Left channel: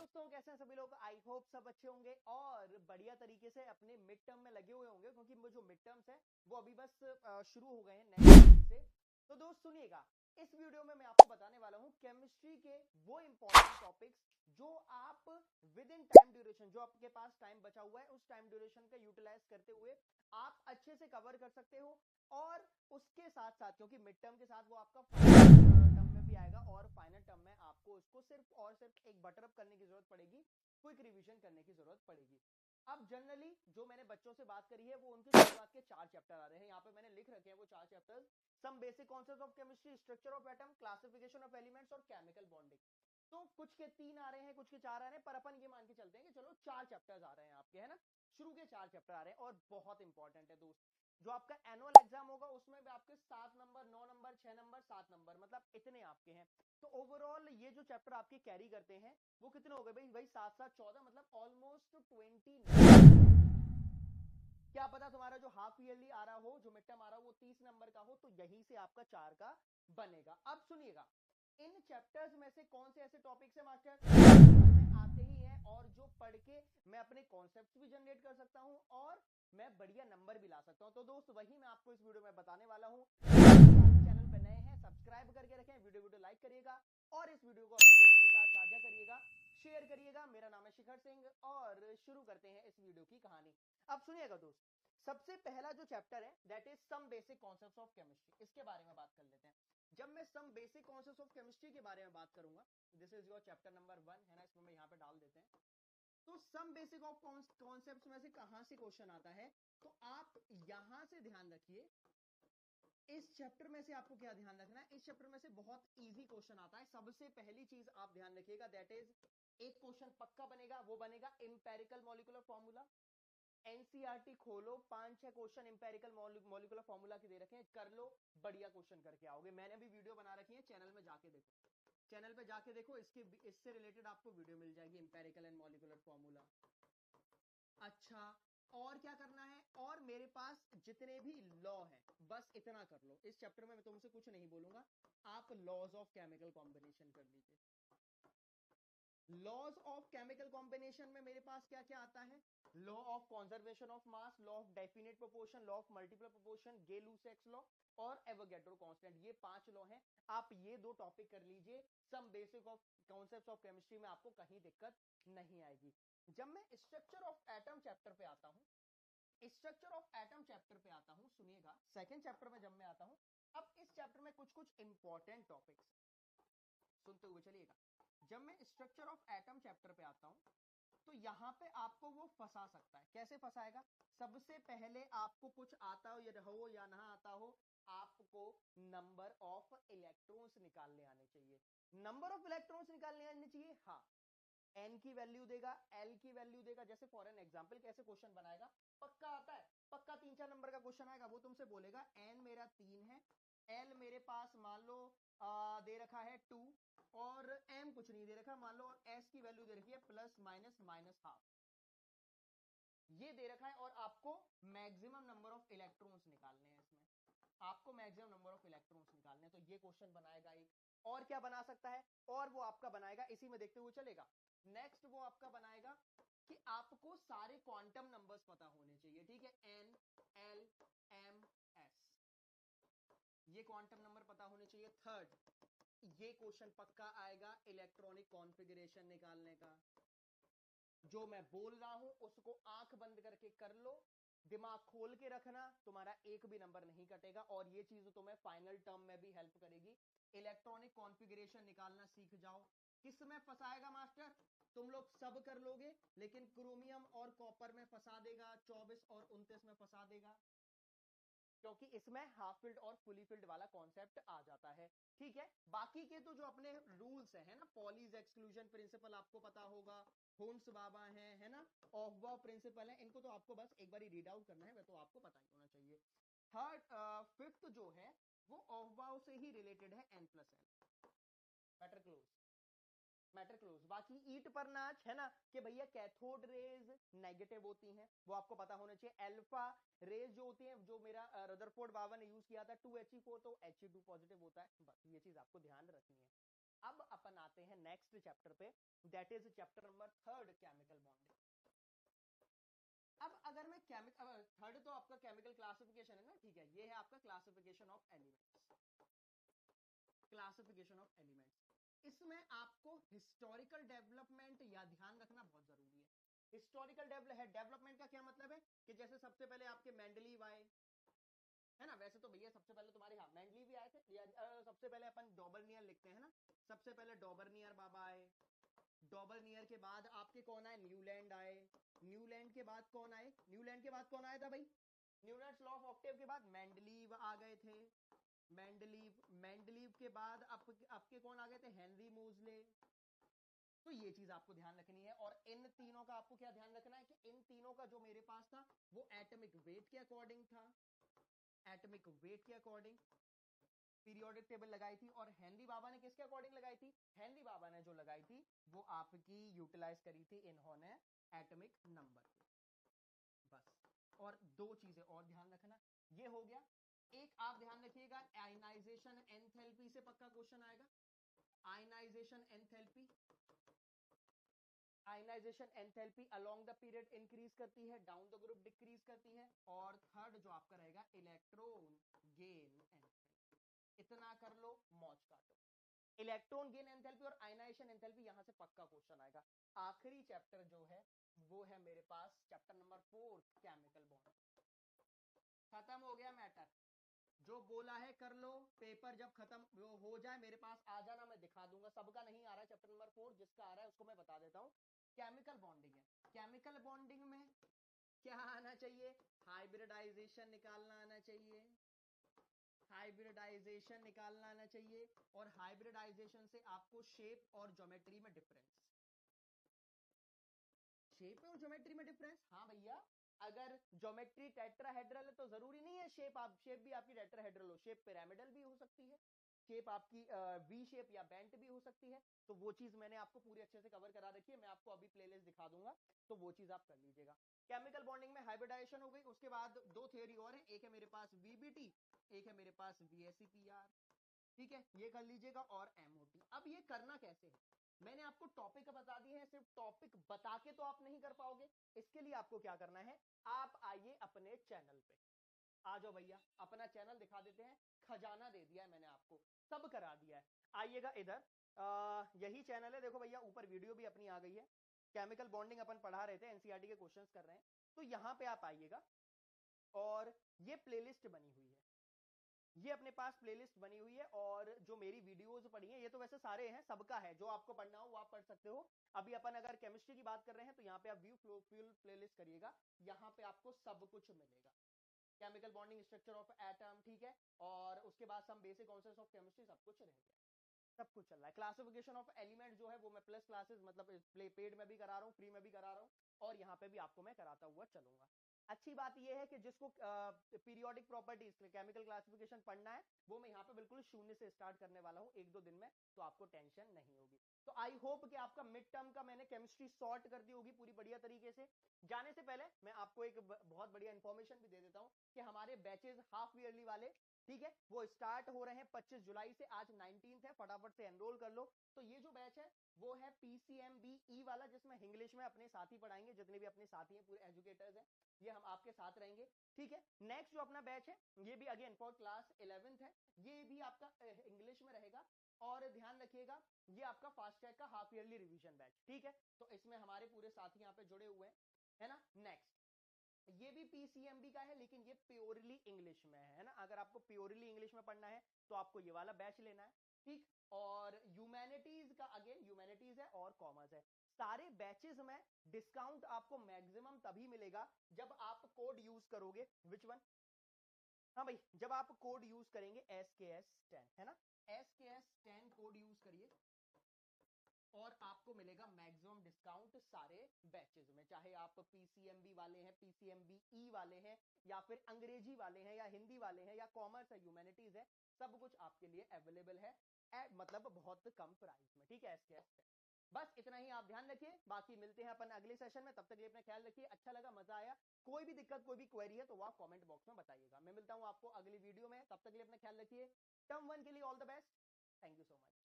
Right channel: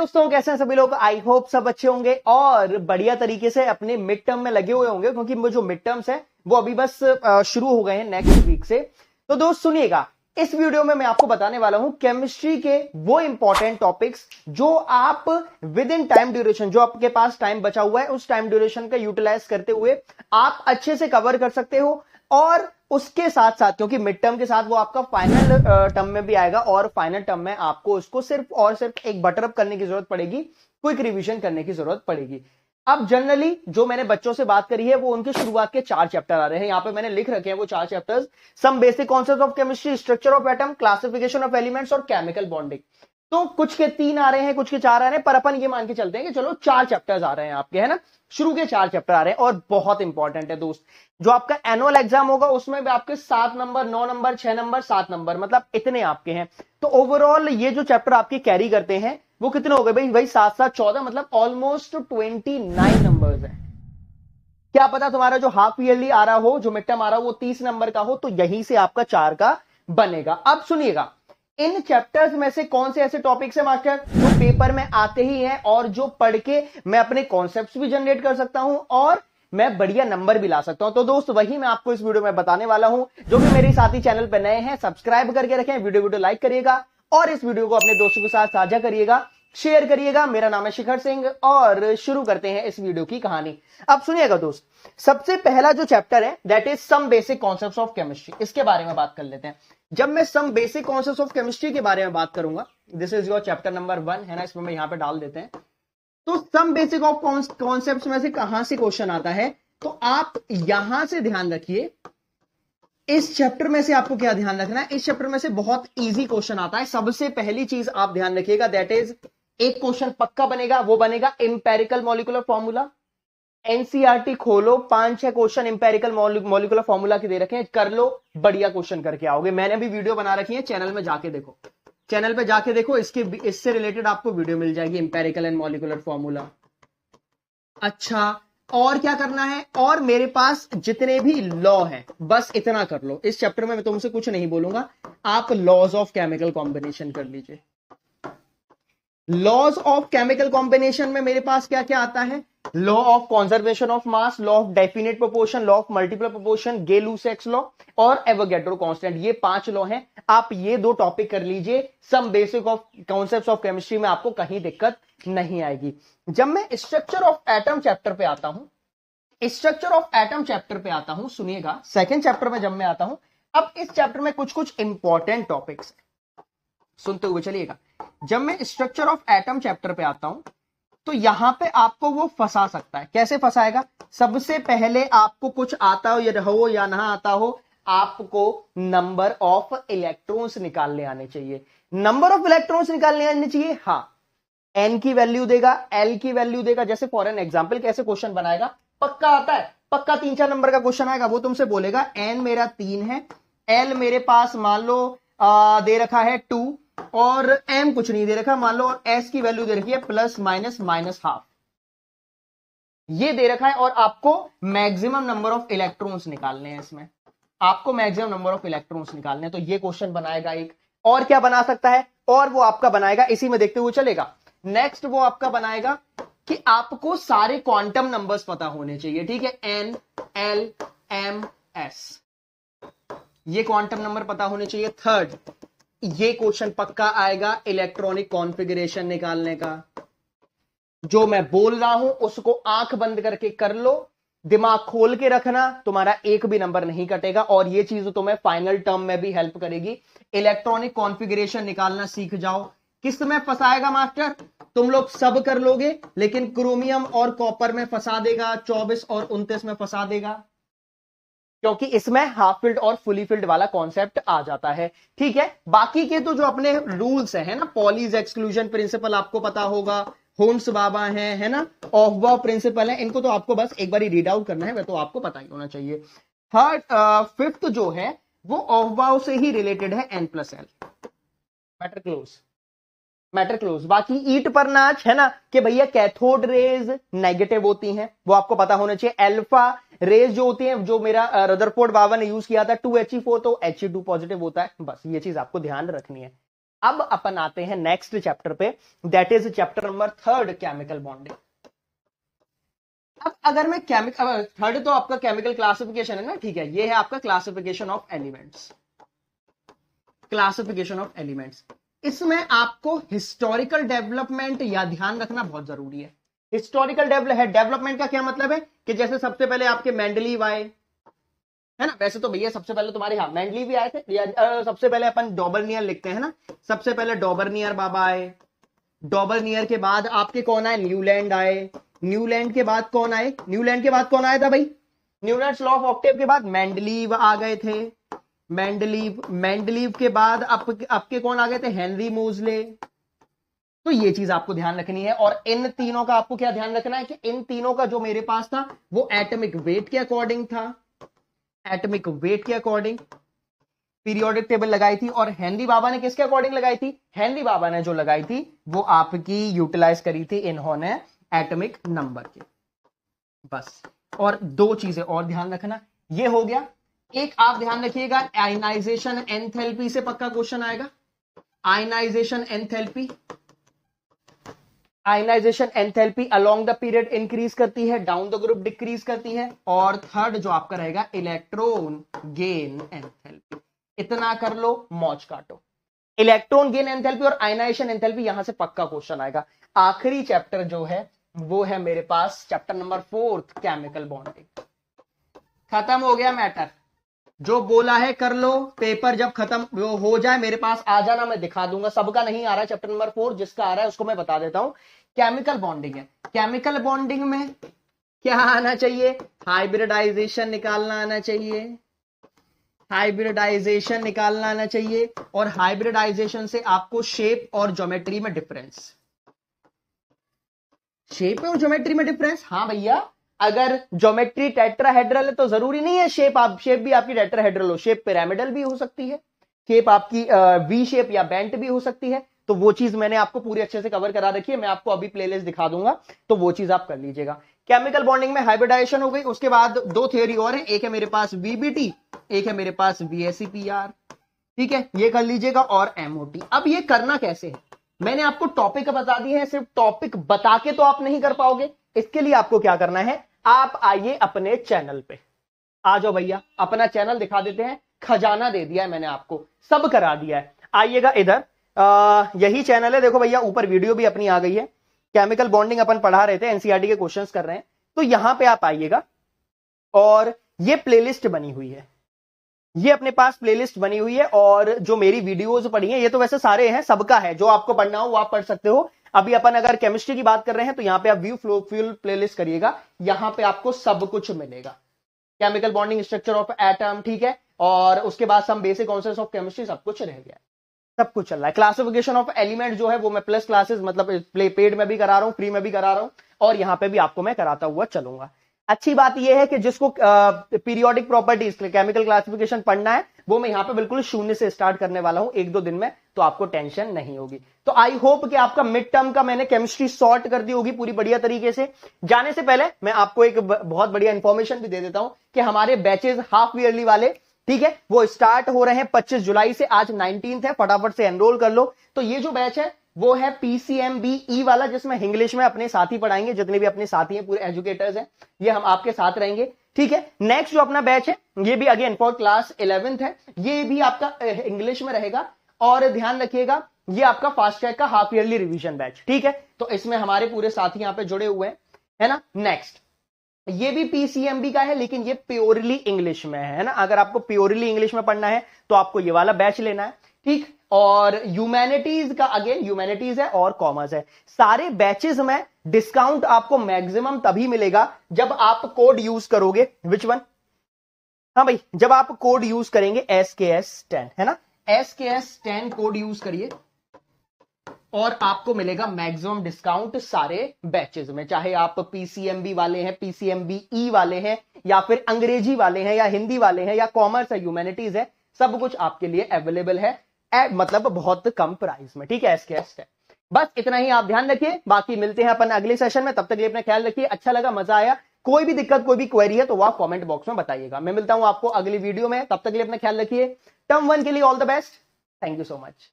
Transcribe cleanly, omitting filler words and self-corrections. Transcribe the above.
दोस्तों, कैसे हैं सभी लोग। आई होप सब अच्छे होंगे और बढ़िया तरीके से अपने मिड टर्म में लगे हुए होंगे, क्योंकि वो जो मिड टर्म्स है वो अभी बस शुरू हो गए हैं नेक्स्ट वीक से। तो दोस्त सुनिएगा, इस वीडियो में मैं आपको बताने वाला हूं केमिस्ट्री के वो इंपॉर्टेंट टॉपिक्स जो आप विद इन टाइम ड्यूरेशन, जो आपके पास टाइम बचा हुआ है उस टाइम ड्यूरेशन का यूटिलाइज करते हुए आप अच्छे से कवर कर सकते हो। और उसके साथ साथ, क्योंकि मिड टर्म के साथ वो आपका फाइनल टर्म में भी आएगा और फाइनल टर्म में आपको उसको सिर्फ और सिर्फ एक बटर अप करने की जरूरत पड़ेगी, क्विक रिवीजन करने की जरूरत पड़ेगी। अब जनरली जो मैंने बच्चों से बात करी है वो उनके शुरुआत के 4 चैप्टर आ रहे हैं, यहां पे मैंने लिख रखे हैं वो 4 chapters. Some basic concept of chemistry, structure of atom, classification of elements और केमिकल बॉन्डिंग। तो कुछ के 3 आ रहे हैं, कुछ के 4 आ रहे हैं, पर अपन ये मान के चलते हैं कि चलो 4 चैप्टर्स आ रहे हैं आपके, है ना। शुरू के 4 चैप्टर आ रहे हैं और बहुत इंपॉर्टेंट है दोस्त। जो आपका एनुअल एग्जाम होगा उसमें भी आपके 7 नंबर, 9 नंबर, 6 नंबर, 7 नंबर, मतलब इतने आपके हैं। तो ओवरऑल ये जो चैप्टर आपके कैरी करते हैं वो कितने हो गए भाई? भाई 7 7 14, मतलब ऑलमोस्ट 29 नंबर्स है। क्या पता तुम्हारा जो हाफ ईयरली आ रहा हो, जो मिड टर्म आ रहा हो वो 30 नंबर का हो, तो यहीं से आपका 4 का बनेगा। अब सुनिएगा, इन चैप्टर्स में से कौन से ऐसे टॉपिक्स है मास्टर जो पेपर में आते ही हैं और जो पढ़ के मैं अपने कॉन्सेप्ट्स भी जनरेट कर सकता हूं और मैं बढ़िया नंबर भी ला सकता हूं। तो दोस्त वही मैं आपको इस वीडियो में बताने वाला हूं। जो कि मेरे साथी चैनल पर नए हैं, सब्सक्राइब करके रखें, वीडियो लाइक करिएगा और इस वीडियो को अपने दोस्तों के साथ साझा करिएगा, शेयर करिएगा। मेरा नाम है शिखर सिंह और शुरू करते हैं इस वीडियो की कहानी। अब सुनिएगा दोस्त, सबसे पहला जो चैप्टर है that is some basic concepts of chemistry, इसके बारे में बात कर लेते हैं। जब मैं some basic concepts of chemistry के बारे में बात करूंगा, this is your chapter number 1, है ना, इसमें मैं यहां पे डाल देते हैं। तो सम बेसिक ऑफ कॉन्सेप्ट्स में से कहां से क्वेश्चन आता है, तो आप यहां से ध्यान रखिए। इस चैप्टर में से आपको क्या ध्यान रखना है, इस चैप्टर में से बहुत इजी क्वेश्चन आता है। सबसे पहली चीज आप ध्यान रखिएगा, दैट इज एक क्वेश्चन पक्का बनेगा, वो बनेगा इंपेरिकल मॉलिक्यूलर फॉर्मूला। एनसीईआरटी खोलो, 5-6 क्वेश्चन इंपेरिकल मॉलिक्यूलर फॉर्मूला के दे रखे हैं, कर लो, बढ़िया क्वेश्चन करके आओगे। मैंने भी वीडियो बना रखी है, चैनल में जाके देखो, चैनल पे जाके देखो, इससे रिलेटेड आपको वीडियो मिल जाएगी, इंपेरिकल एंड मॉलिक्यूलर फॉर्मूला। अच्छा, और क्या करना है, और मेरे पास जितने भी लॉ हैं बस इतना कर लो। इस चैप्टर में मैं तुमसे कुछ नहीं बोलूंगा, आप लॉज ऑफ केमिकल कॉम्बिनेशन कर लीजिए। लॉज ऑफ केमिकल कॉम्बिनेशन में मेरे पास क्या क्या आता है? Law of conservation of mass, law of definite proportion, law of multiple proportion, Gay-Lussac's law और एवोगैड्रो कांस्टेंट। ये 5 लॉ हैं, आप ये 2 टॉपिक कर लीजिए। Some basic of concepts of chemistry में आपको कहीं दिक्कत नहीं आएगी। जब मैं स्ट्रक्चर ऑफ एटम चैप्टर पे आता हूं, स्ट्रक्चर ऑफ एटम चैप्टर पे आता हूं, सुनिएगा, सेकंड चैप्टर में जब मैं आता हूं, अब इस चैप्टर में कुछ कुछ इंपॉर्टेंट टॉपिक्स सुनते हुए चलिएगा। जब मैं स्ट्रक्चर ऑफ एटम चैप्टर पे आता हूं तो यहां पे आपको वो फंसा सकता है। कैसे फंसाएगा? सबसे पहले आपको कुछ आता हो या ना आता हो, आपको नंबर ऑफ इलेक्ट्रॉन्स निकालने आने चाहिए। नंबर ऑफ इलेक्ट्रॉन्स निकालने आने चाहिए, हाँ। एन की वैल्यू देगा, एल की वैल्यू देगा। जैसे फॉर एन एग्जाम्पल कैसे क्वेश्चन बनाएगा, पक्का आता है, पक्का 3-4 नंबर का क्वेश्चन आएगा। वो तुमसे बोलेगा एन मेरा 3 है, एल मेरे पास मान लो दे रखा है 2 और एम कुछ नहीं दे रखा मान लो, और एस की वैल्यू दे रखी है प्लस माइनस माइनस हाफ, ये दे रखा है। और आपको मैक्सिमम नंबर ऑफ इलेक्ट्रॉन्स निकालने हैं, इसमें आपको मैक्सिमम नंबर ऑफ इलेक्ट्रॉन्स निकालने हैं। तो ये क्वेश्चन बनाएगा एक। और क्या बना सकता है, और वो आपका बनाएगा, इसी में देखते हुए चलेगा। नेक्स्ट वो आपका बनाएगा कि आपको सारे क्वांटम नंबर्स पता होने चाहिए, ठीक है। एन, एल, एम, एस, ये क्वांटम नंबर पता होने चाहिए। थर्ड, ये क्वेश्चन पक्का आएगा इलेक्ट्रॉनिक कॉन्फ़िगरेशन निकालने का। जो मैं बोल रहा हूं उसको आंख बंद करके कर लो, दिमाग खोल के रखना, तुम्हारा एक भी नंबर नहीं कटेगा। और ये चीज तुम्हें फाइनल टर्म में भी हेल्प करेगी। इलेक्ट्रॉनिक कॉन्फ़िगरेशन निकालना सीख जाओ। किस में फंसाएगा मास्टर? तुम लोग सब कर लोगे लेकिन क्रोमियम और कॉपर में फंसा देगा, 24 और 29 में फंसा देगा, क्योंकि इसमें हाफ फिल्ड और फुली फिल्ड वाला कॉन्सेप्ट आ जाता है, ठीक है। बाकी के तो जो अपने रूल्स है ना, पॉलीज एक्सक्लूजन प्रिंसिपल आपको पता होगा, होम्स बाबा है ना, ऑफबाउ प्रिंसिपल है, इनको तो आपको बस एक बार रीड आउट करना है, वह तो आपको पता ही होना चाहिए। थर्ड, फिफ्थ जो है वो ऑफबाउ से ही रिलेटेड है, n+l, matter close, matter close. बाकी ईट पर नाच है ना, कि भैया कैथोड रेज नेगेटिव होती हैं, वो आपको पता होना चाहिए। अल्फा रेज जो होती हैं, जो मेरा रदरफोर्ड बाबा ने यूज किया था 2He4, तो He2 पॉजिटिव होता है, बस ये चीज आपको ध्यान रखनी है। अब अपन आते हैं नेक्स्ट चैप्टर पे, that is chapter number 3 chemical bonding. अब अगर मैं केमिकल, थर्ड तो आपका केमिकल क्लासिफिकेशन है ना, ठीक है, ये है आपका classification of elements, classification of elements. इसमें आपको हिस्टोरिकल डेवलपमेंट या ध्यान रखना बहुत जरूरी है। हिस्टोरिकल डेवलपमेंट का क्या मतलब है कि जैसे सबसे पहले आपके मेंडलीव आए, है ना, वैसे तो भैया सबसे पहले तुम्हारे यहाँ मेंडलीव भी आए थे, सबसे पहले अपन डॉबरनियर लिखते हैं ना, सबसे पहले डॉबरनियर बाबा आए, डॉबरनियर के बाद आपके कौन आए, न्यूलैंड आए, न्यूलैंड के बाद कौन आए, न्यूलैंड के बाद कौन आया था भाई, न्यूलैंड्स लॉ ऑफ ऑक्टेव के बाद मेंडलीव आ गए थे, मेंडलीव के बाद आपके कौन आ गए थे, हेनरी मोजले। तो ये चीज आपको ध्यान रखनी है, और इन तीनों का आपको क्या ध्यान रखना है कि इन तीनों का जो मेरे पास था वो एटॉमिक वेट के अकॉर्डिंग था, एटॉमिक वेट के अकॉर्डिंग पीरियोडिक टेबल लगाई थी। और हेनरी बाबा ने किसके अकॉर्डिंग लगाई थी, हेनरी बाबा ने जो लगाई थी वो आपकी यूटिलाइज करी थी इन्होंने एटॉमिक नंबर के, बस। और दो चीजें और ध्यान रखना, ये हो गया, एक आप ध्यान रखिएगा आयनाइजेशन एंथैल्पी से पक्का क्वेश्चन आएगा, ionisation enthalpy, ionisation enthalpy along the period increase करती है, डाउन द ग्रुप डिक्रीज करती है। और थर्ड जो आपका रहेगा इलेक्ट्रॉन गेन एंथैल्पी, इतना कर लो मौज काटो, इलेक्ट्रॉन गेन एंथैल्पी और आयनाइजेशन एंथैल्पी, यहां से पक्का क्वेश्चन आएगा। आखिरी चैप्टर जो है वो है मेरे पास चैप्टर नंबर 4 केमिकल बॉन्डिंग। खत्म हो गया मैटर, जो बोला है कर लो, पेपर जब खत्म हो जाए मेरे पास आ जाना, मैं दिखा दूंगा। सबका नहीं आ रहा है चैप्टर नंबर 4, जिसका आ रहा है उसको मैं बता देता हूं। केमिकल बॉन्डिंग है, केमिकल बॉन्डिंग में क्या आना चाहिए, हाइब्रिडाइजेशन निकालना आना चाहिए, हाइब्रिडाइजेशन निकालना आना चाहिए। और हाइब्रिडाइजेशन से आपको शेप और ज्योमेट्री में डिफरेंस, शेप और ज्योमेट्री में डिफरेंस, हाँ भैया, अगर ज्योमेट्री टेट्राहेड्रल है तो जरूरी नहीं है शेप भी आपकी टेट्राहेड्रल हो, शेप पिरामिडल भी हो सकती है, शेप आपकी वी शेप या बेंट भी हो सकती है। तो वो चीज मैंने आपको पूरी अच्छे से कवर करा रखी है, मैं आपको अभी प्लेलिस्ट दिखा दूंगा, तो वो चीज आप कर लीजिएगा। केमिकल बॉन्डिंग में हाइब्रिडाइजेशन हो गई, उसके बाद दो थ्योरी और है, एक है मेरे पास वीबीटी, एक है मेरे पास वीएससीपीआर, ठीक है, ये कर लीजिएगा। और एमओटी, अब ये करना कैसे है, मैंने आपको टॉपिक बता दिए हैं, सिर्फ टॉपिक बता के तो आप नहीं कर पाओगे, इसके लिए आपको क्या करना है, आप आइए अपने चैनल पे, आ जाओ भैया, अपना चैनल दिखा देते हैं, खजाना दे दिया है मैंने आपको, सब करा दिया है, आइएगा इधर, यही चैनल है, देखो भैया ऊपर वीडियो भी अपनी आ गई है, केमिकल बॉन्डिंग अपन पढ़ा रहे थे, एनसीईआरटी के क्वेश्चंस कर रहे हैं, तो यहां पे आप आइएगा, और ये प्लेलिस्ट बनी हुई है, ये अपने पास प्लेलिस्ट बनी हुई है, और जो मेरी वीडियोस पढ़ी हैं, ये तो वैसे सारे हैं, सबका है, जो आपको पढ़ना हो वो आप पढ़ सकते हो। अभी अपन अगर केमिस्ट्री की बात कर रहे हैं तो यहां पे आप व्यू फ्यूल प्लेलिस्ट करिएगा, यहां पे आपको सब कुछ मिलेगा, chemical bonding, structure of atom, ठीक है, और उसके बाद some basic concepts of chemistry, सब कुछ रह गया, सब कुछ चल रहा है। क्लासिफिकेशन ऑफ एलिमेंट जो है वो मैं प्लस क्लासेस, मतलब पेड में भी करा रहा हूं, फ्री में भी करा रहा हूं, और यहां पे भी आपको मैं कराता हुआ चलूंगा। अच्छी बात यह है कि जिसको पीरियोडिक प्रॉपर्टीज केमिकल क्लासिफिकेशन पढ़ना है, वो मैं यहां पे बिल्कुल शून्य से स्टार्ट करने वाला हूं 1-2 दिन में, तो आपको टेंशन नहीं होगी। तो आई होप कि आपका मिड टर्म का मैंने केमिस्ट्री सॉर्ट कर दी होगी पूरी बढ़िया तरीके से। जाने से पहले मैं आपको एक बहुत बढ़िया इंफॉर्मेशन भी दे देता हूं कि हमारे बैचेस हाफ ईयरली वाले, ठीक है, वो स्टार्ट हो रहे हैं 25 जुलाई से, आज 19 है, फटाफट से एनरोल कर लो। तो ये जो बैच है वो है PCMBE वाला, जिसमें इंग्लिश में अपने साथी पढ़ाएंगे, जितने भी अपने साथी हैं, पूरे एजुकेटर्स हैं, ये हम आपके साथ रहेंगे, ठीक है। नेक्स्ट जो अपना बैच है ये भी अगेन फॉर क्लास 11th है, ये भी आपका इंग्लिश में रहेगा, और ध्यान रखिएगा ये आपका फास्ट ट्रैक का हाफ ईयरली रिवीजन बैच, ठीक है। तो इसमें हमारे पूरे साथी यहाँ पे जुड़े हुए हैं, है ना। नेक्स्ट ये भी PCMB का है, लेकिन ये प्योरली इंग्लिश में है ना, अगर आपको प्योरली इंग्लिश में पढ़ना है तो आपको ये वाला बैच लेना है, ठीक। और ह्यूमैनिटीज का अगेन ह्यूमैनिटीज है और कॉमर्स है, सारे बैचेस में डिस्काउंट आपको मैक्सिमम तभी मिलेगा जब आप कोड यूज करोगे, विच वन, हाँ भाई, जब आप कोड यूज करेंगे SKS10, है ना, SKS10 कोड यूज करिए और आपको मिलेगा मैक्सिमम डिस्काउंट सारे बैचेस में, चाहे आप PCMB वाले हैं, PCMBE वाले हैं, या फिर अंग्रेजी वाले हैं, या हिंदी वाले हैं, या कॉमर्स है, ह्यूमैनिटीज है, सब कुछ आपके लिए अवेलेबल है मतलब बहुत कम प्राइस में, ठीक है। SKS10, बस इतना ही आप ध्यान रखिए, बाकी मिलते हैं अपन अगले सेशन में, तब तक के लिए अपना ख्याल रखिए। अच्छा लगा, मजा आया, कोई भी दिक्कत, कोई भी क्वेरी है तो वो आप कमेंट बॉक्स में बताइएगा। मैं मिलता हूं आपको अगली वीडियो में, तब तक के लिए अपना ख्याल रखिए। टर्म 1 के लिए all the best, thank you so much.